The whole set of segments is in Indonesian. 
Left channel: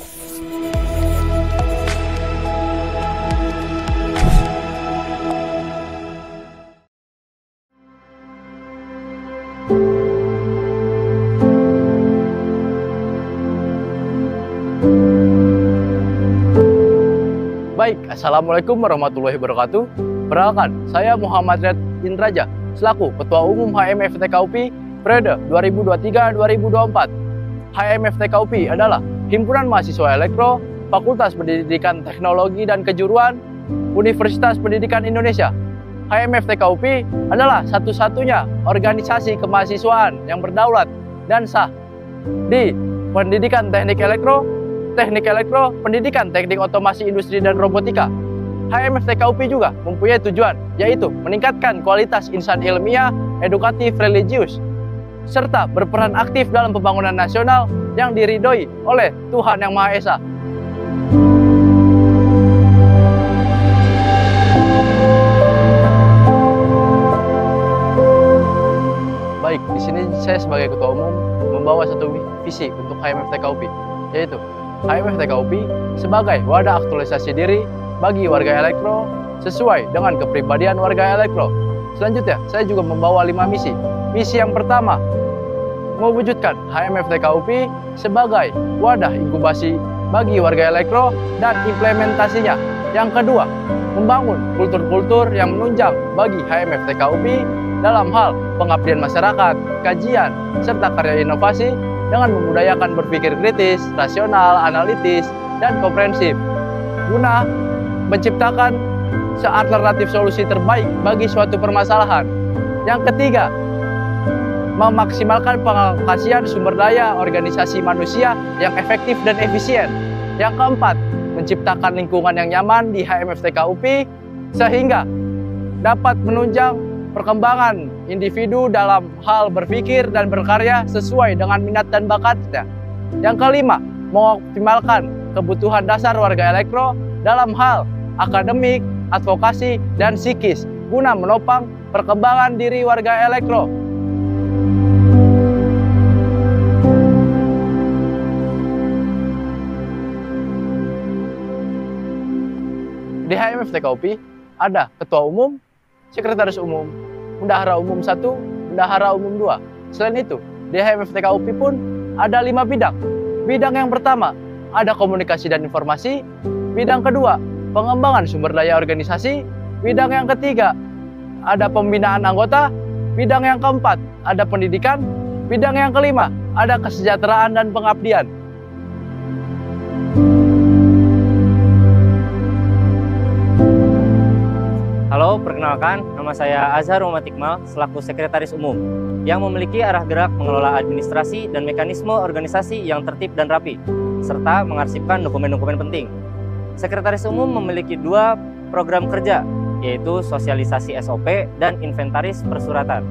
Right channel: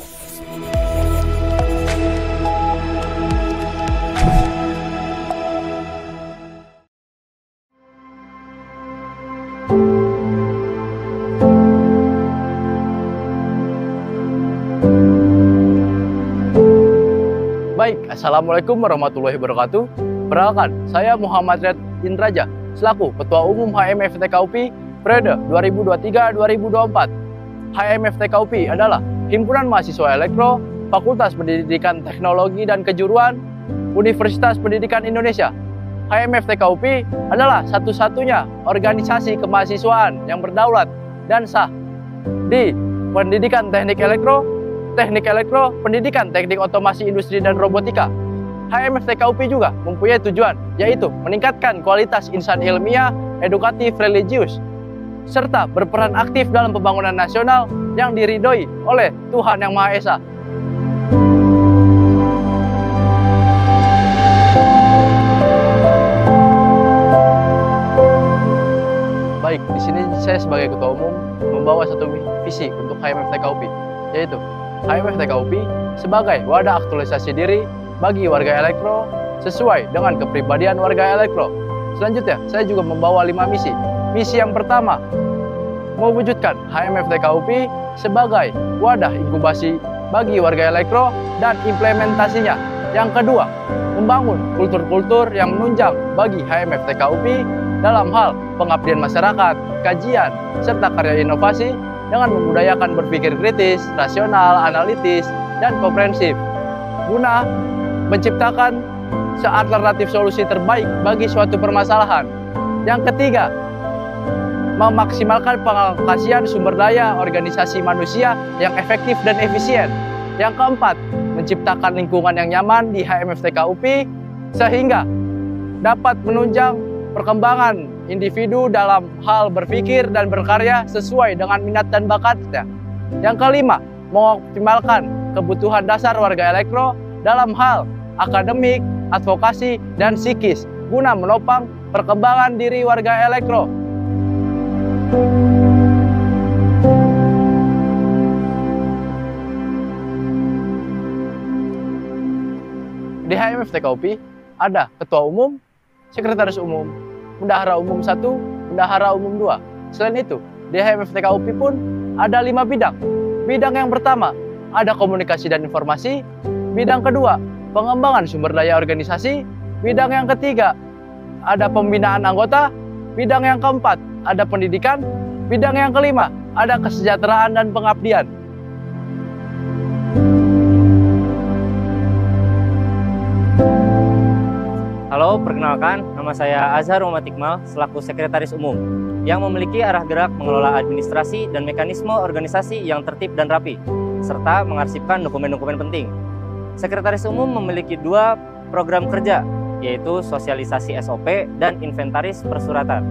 Baik, Assalamualaikum warahmatullahi wabarakatuh. Perkenalkan, saya Muhammad Red Indraja, selaku Ketua Umum HMFTKUPI periode 2023-2024. HMFTKUPI adalah Himpunan Mahasiswa Elektro, Fakultas Pendidikan Teknologi dan Kejuruan, Universitas Pendidikan Indonesia. HMFTKUPI adalah satu-satunya organisasi kemahasiswaan yang berdaulat dan sah di Pendidikan Teknik Elektro, Pendidikan Teknik Otomasi Industri dan Robotika. HMFTKUPI juga mempunyai tujuan, yaitu meningkatkan kualitas insan ilmiah, edukatif, religius, serta berperan aktif dalam pembangunan nasional yang diridhoi oleh Tuhan Yang Maha Esa. Baik, di sini saya sebagai Ketua Umum membawa satu visi untuk HMFTKUPI, yaitu HMFTKUPI sebagai wadah aktualisasi diri bagi warga elektro sesuai dengan kepribadian warga elektro. Selanjutnya, saya juga membawa 5 misi. Misi yang pertama, mewujudkan HMFTKUPI sebagai wadah inkubasi bagi warga elektro dan implementasinya. Yang kedua, membangun kultur-kultur yang menunjang bagi HMFTKUPI dalam hal pengabdian masyarakat, kajian, serta karya inovasi dengan memudayakan berpikir kritis, rasional, analitis, dan komprehensif, guna menciptakan alternatif solusi terbaik bagi suatu permasalahan. Yang ketiga, memaksimalkan pengaplikasian sumber daya organisasi manusia yang efektif dan efisien. Yang keempat, menciptakan lingkungan yang nyaman di HMFTKUPI sehingga dapat menunjang perkembangan individu dalam hal berpikir dan berkarya sesuai dengan minat dan bakatnya. Yang kelima, mengoptimalkan kebutuhan dasar warga elektro dalam hal akademik, advokasi, dan psikis guna menopang perkembangan diri warga elektro. Di HMFTKUPI ada Ketua Umum, Sekretaris Umum, Bendahara Umum 1, Bendahara Umum 2. Selain itu, di HMFTKUPI pun ada 5 bidang. Bidang yang pertama, ada komunikasi dan informasi. Bidang kedua, pengembangan sumber daya organisasi. Bidang yang ketiga, ada pembinaan anggota. Bidang yang keempat, ada pendidikan. Bidang yang kelima, ada kesejahteraan dan pengabdian. Halo, perkenalkan, nama saya Azhar Muhammad Iqmal selaku Sekretaris Umum yang memiliki arah gerak mengelola administrasi dan mekanisme organisasi yang tertib dan rapi, serta mengarsipkan dokumen-dokumen penting. Sekretaris Umum memiliki 2 program kerja, yaitu sosialisasi SOP dan inventaris persuratan.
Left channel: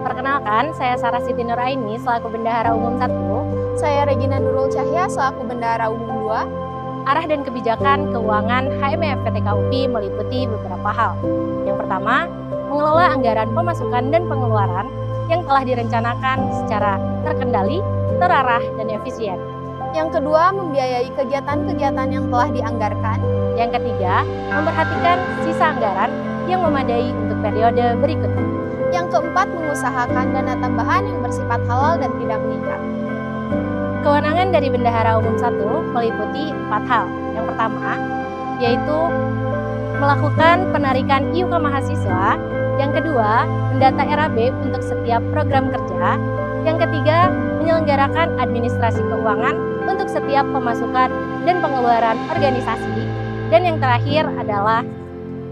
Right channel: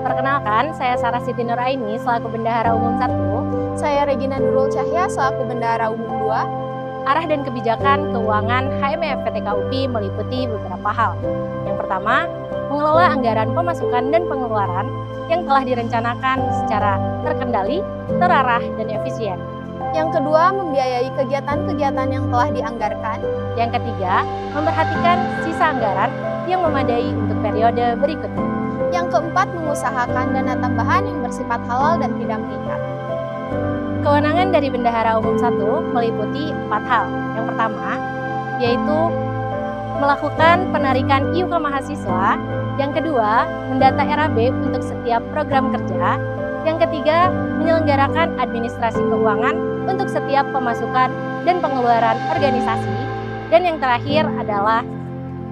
Perkenalkan, saya Sarah Siti Nuraini selaku Bendahara Umum 1. Saya Regina Nurul Cahya selaku Bendahara Umum 2. Arah dan kebijakan keuangan HMFTKUPI meliputi beberapa hal. Yang pertama, mengelola anggaran pemasukan dan pengeluaran yang telah direncanakan secara terkendali, terarah, dan efisien. Yang kedua, membiayai kegiatan-kegiatan yang telah dianggarkan. Yang ketiga, memperhatikan sisa anggaran yang memadai untuk periode berikutnya. Yang keempat, mengusahakan dana tambahan yang bersifat halal dan tidak mengikat. Kewenangan dari Bendahara Umum 1 meliputi 4 hal. Yang pertama, yaitu melakukan penarikan IUK mahasiswa. Yang kedua, mendata RAB untuk setiap program kerja. Yang ketiga, menyelenggarakan administrasi keuangan untuk setiap pemasukan dan pengeluaran organisasi. Dan yang terakhir adalah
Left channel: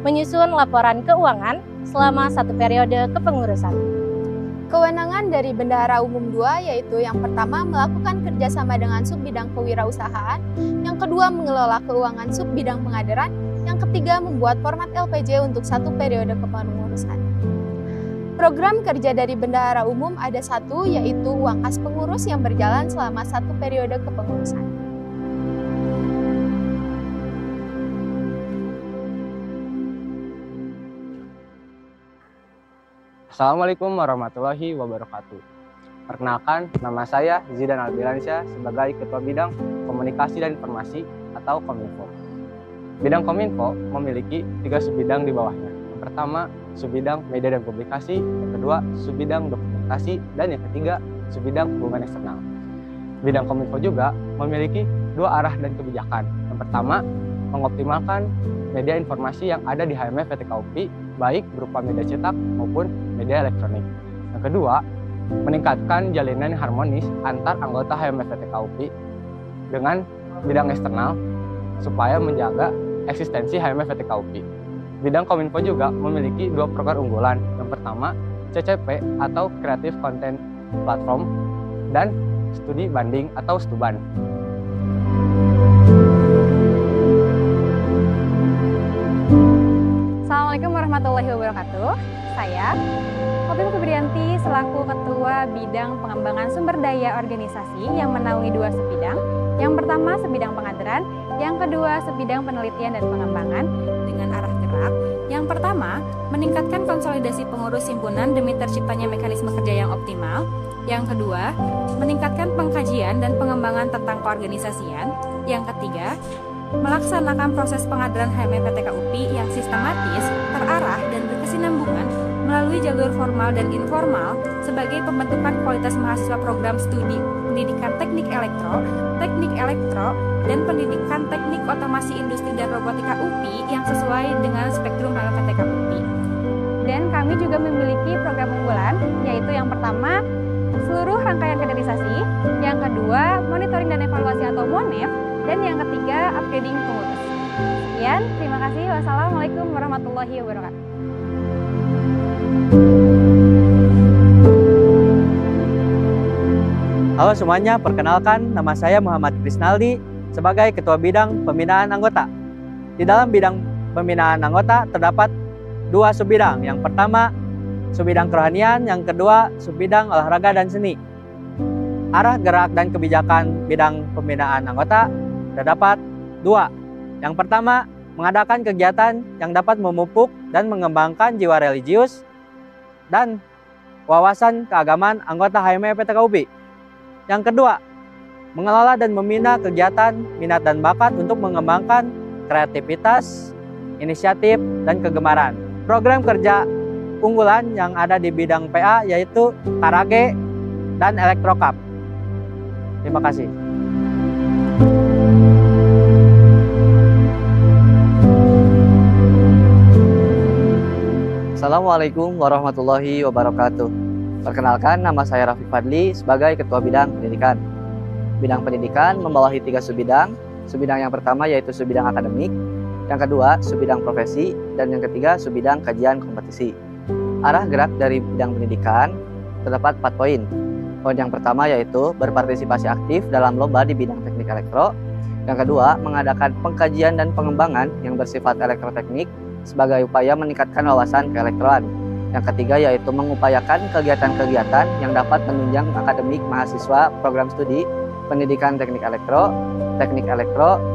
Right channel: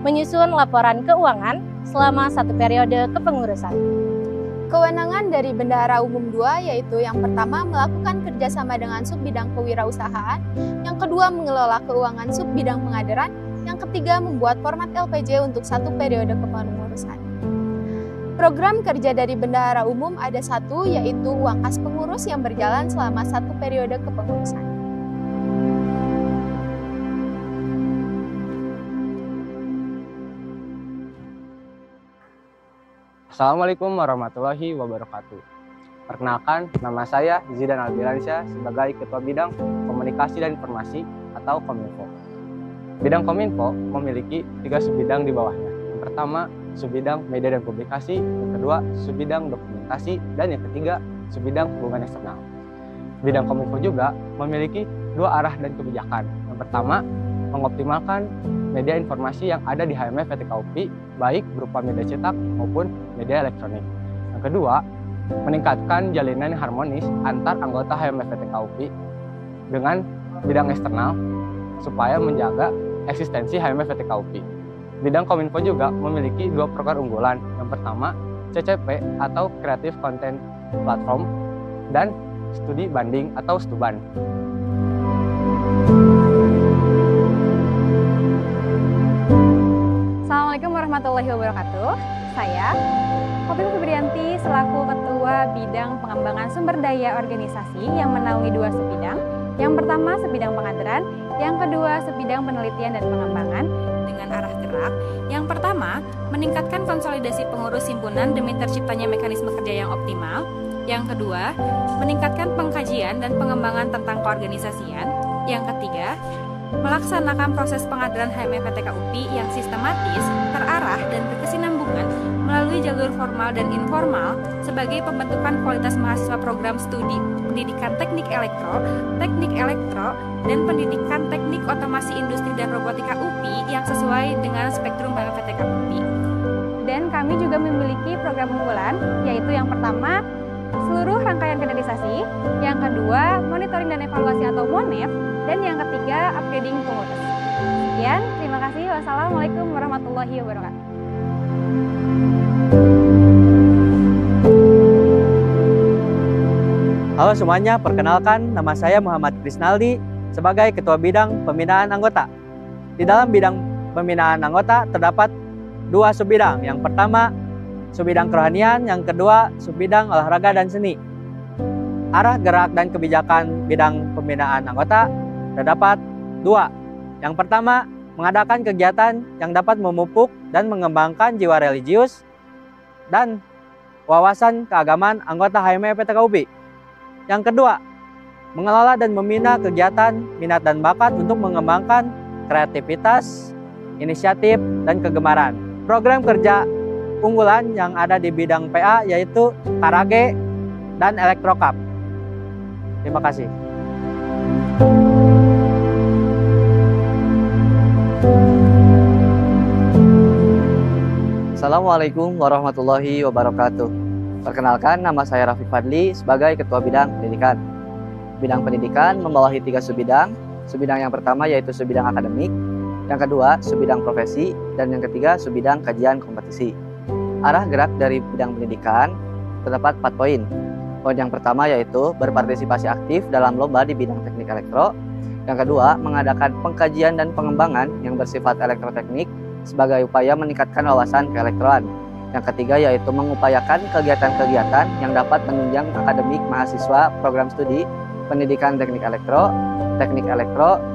menyusun laporan keuangan selama 1 periode kepengurusan. Kewenangan dari Bendahara Umum 2 yaitu yang pertama melakukan kerjasama dengan subbidang kewirausahaan, yang kedua mengelola keuangan subbidang pengaderan, yang ketiga membuat format LPJ untuk 1 periode kepengurusan. Program kerja dari Bendahara Umum ada 1, yaitu uang kas pengurus yang berjalan selama 1 periode kepengurusan. Assalamualaikum warahmatullahi wabarakatuh. Perkenalkan, nama saya Zidan Albilansyah sebagai Ketua Bidang Komunikasi dan Informasi atau Kominfo. Bidang Kominfo memiliki 3 subbidang di bawahnya. Yang pertama, subbidang media dan publikasi, yang kedua, subbidang dokumentasi, dan yang ketiga, subbidang hubungan eksternal. Bidang Kominfo juga memiliki 2 arah dan kebijakan. Yang pertama, mengoptimalkan media informasi yang ada di HMF PTKUPI, baik berupa media cetak maupun media elektronik. Yang kedua, meningkatkan jalinan yang harmonis antar anggota HMF PTKUPI dengan bidang eksternal supaya menjaga eksistensi HMF PTKUPI. Bidang Kominfo juga memiliki 2 program unggulan. Yang pertama, CCP atau Creative Content Platform dan studi banding atau STUBAN. Assalamualaikum warahmatullahi wabarakatuh. Saya Khofifa Febrianti selaku Ketua Bidang Pengembangan Sumber Daya Organisasi yang menaungi 2 subbidang. Yang pertama subbidang pengajaran, yang kedua subbidang penelitian dan pengembangan dengan arah gerak. Yang pertama, meningkatkan konsolidasi pengurus himpunan demi terciptanya mekanisme kerja yang optimal. Yang kedua, meningkatkan pengkajian dan pengembangan tentang keorganisasian. Yang ketiga, melaksanakan proses pengajaran HMF PTKUPI yang sistematis, terarah, dan berkesinambungan melalui jalur formal dan informal sebagai pembentukan kualitas mahasiswa program studi pendidikan teknik elektro, dan pendidikan teknik otomasi industri dan robotika UPI yang sesuai dengan spektrum HMF PTKUPI. Dan kami juga memiliki program unggulan, yaitu yang pertama, seluruh rangkaian kaderisasi, yang kedua, monitoring dan evaluasi atau MONEV, dan yang ketiga, upgrading pengurus. Sekian, terima kasih. Wassalamualaikum warahmatullahi wabarakatuh. Halo semuanya, perkenalkan nama saya Muhammad Krisnaldi sebagai Ketua Bidang Pembinaan Anggota. Di dalam bidang pembinaan anggota terdapat 2 subbidang. Yang pertama, subbidang kerohanian, yang kedua, subbidang olahraga dan seni. Arah gerak dan kebijakan bidang pembinaan anggota terdapat 2. Yang pertama, mengadakan kegiatan yang dapat memupuk dan mengembangkan jiwa religius dan wawasan keagamaan anggota HMF PTKUPI. Yang kedua, mengelola dan membina kegiatan minat dan bakat untuk mengembangkan kreativitas, inisiatif, dan kegemaran. Program kerja unggulan yang ada di bidang PA yaitu Karage dan Elektrokap. Terima kasih. Assalamualaikum warahmatullahi wabarakatuh. Perkenalkan, nama saya Rafiq Fadli sebagai Ketua Bidang Pendidikan. Bidang pendidikan membawahi 3 subbidang. Subbidang yang pertama yaitu subbidang akademik, yang kedua subbidang profesi, dan yang ketiga subbidang kajian kompetisi. Arah gerak dari bidang pendidikan terdapat 4 poin. Poin yang pertama yaitu berpartisipasi aktif dalam lomba di bidang teknik elektro. Yang kedua, mengadakan pengkajian dan pengembangan yang bersifat elektroteknik sebagai upaya meningkatkan wawasan keelektroan. Yang ketiga yaitu mengupayakan kegiatan-kegiatan yang dapat menunjang akademik mahasiswa program studi pendidikan teknik elektro,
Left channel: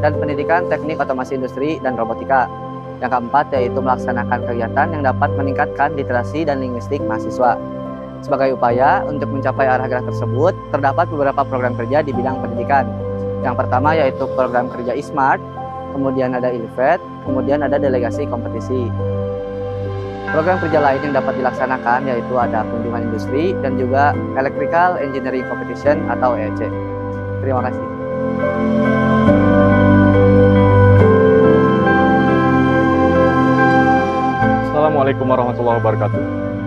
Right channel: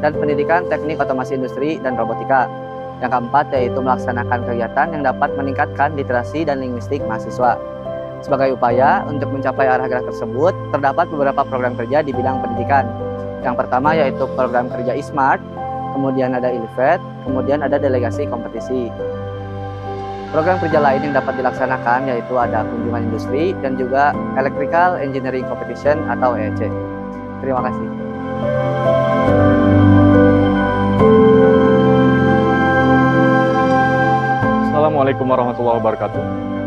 dan pendidikan teknik otomasi industri dan robotika. Yang keempat yaitu melaksanakan kegiatan yang dapat meningkatkan literasi dan linguistik mahasiswa. Sebagai upaya untuk mencapai arah gerak tersebut, terdapat beberapa program kerja di bidang pendidikan. Yang pertama yaitu program kerja e-smart, kemudian ada ILIVET, kemudian ada delegasi kompetisi. Program kerja lain yang dapat dilaksanakan yaitu ada kunjungan industri dan juga Electrical Engineering Competition atau EEC. Terima kasih. Assalamualaikum warahmatullahi wabarakatuh.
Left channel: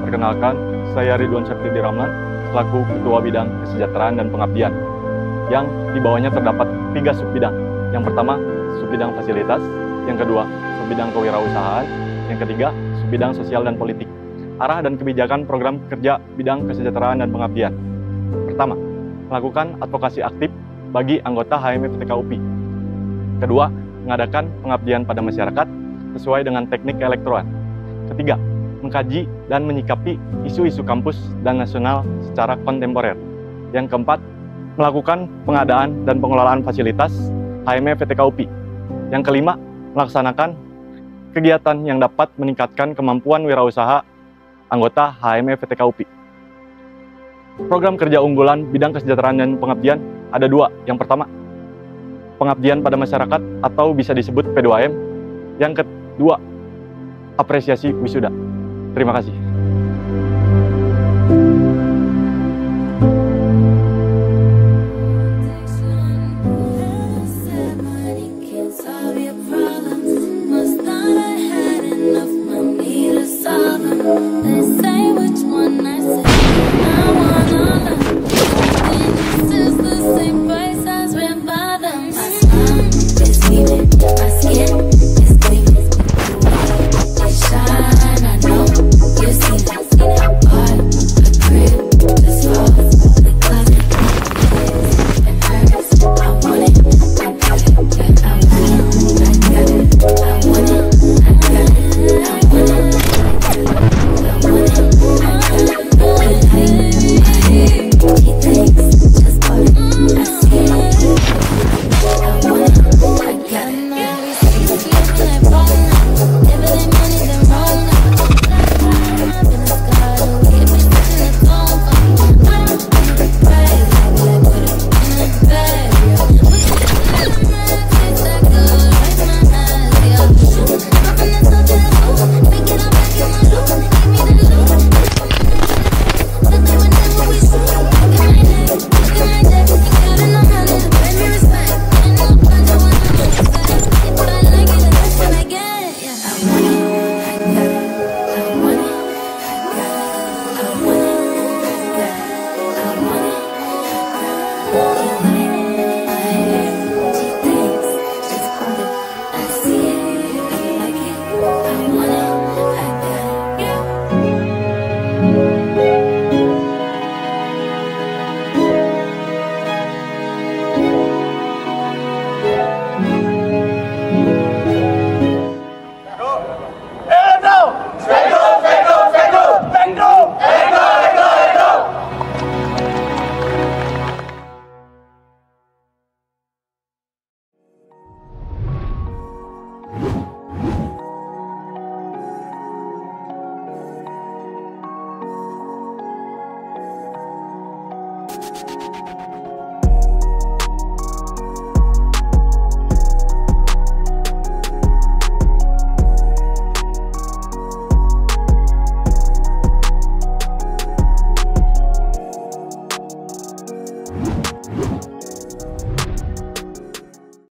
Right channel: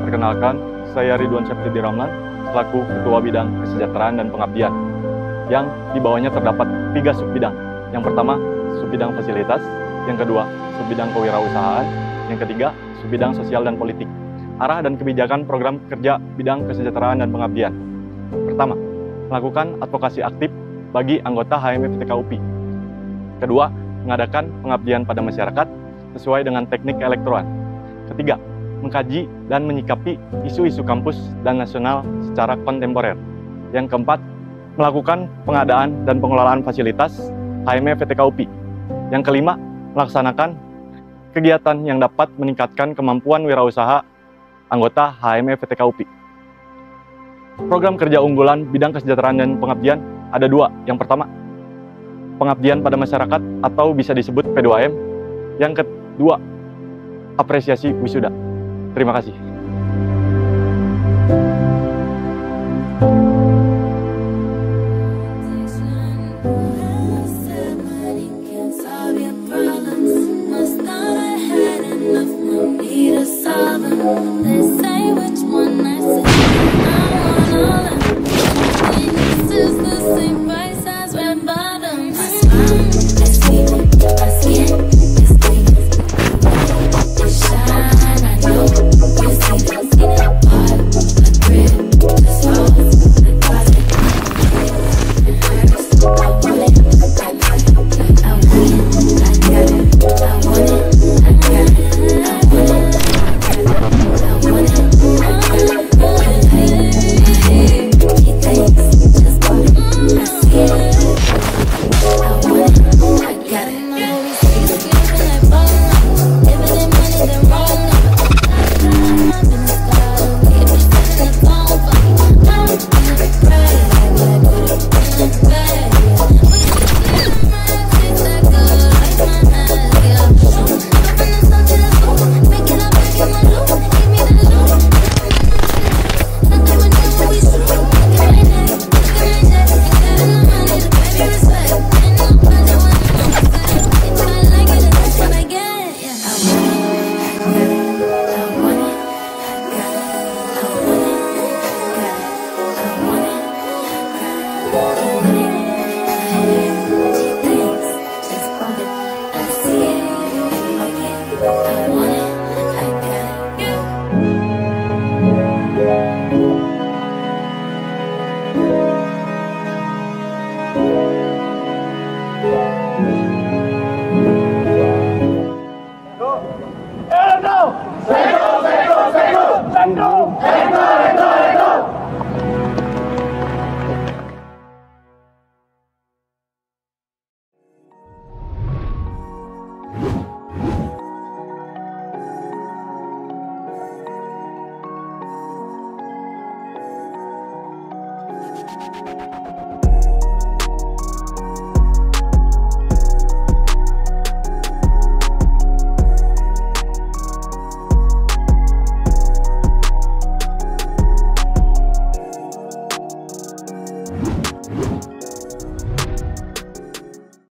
Perkenalkan, saya Ridwan Syafridi Ramlan selaku Ketua Bidang Kesejahteraan dan Pengabdian, yang di bawahnya terdapat 3 subbidang. Yang pertama, subbidang fasilitas, yang kedua, subbidang kewirausahaan, yang ketiga, subbidang sosial dan politik. Arah dan kebijakan program kerja bidang kesejahteraan dan pengabdian. Pertama, melakukan advokasi aktif bagi anggota HMF PTKUPI. Kedua, mengadakan pengabdian pada masyarakat sesuai dengan teknik elektroan. Ketiga, mengkaji dan menyikapi isu-isu kampus dan nasional secara kontemporer. Yang keempat, melakukan pengadaan dan pengelolaan fasilitas HMF PTKUPI. Yang kelima, melaksanakan kegiatan yang dapat meningkatkan kemampuan wirausaha anggota HMF FTK UPI. Program kerja unggulan bidang kesejahteraan dan pengabdian ada 2. Yang pertama, pengabdian pada masyarakat atau bisa disebut P2M. Yang kedua, apresiasi wisuda. Terima kasih.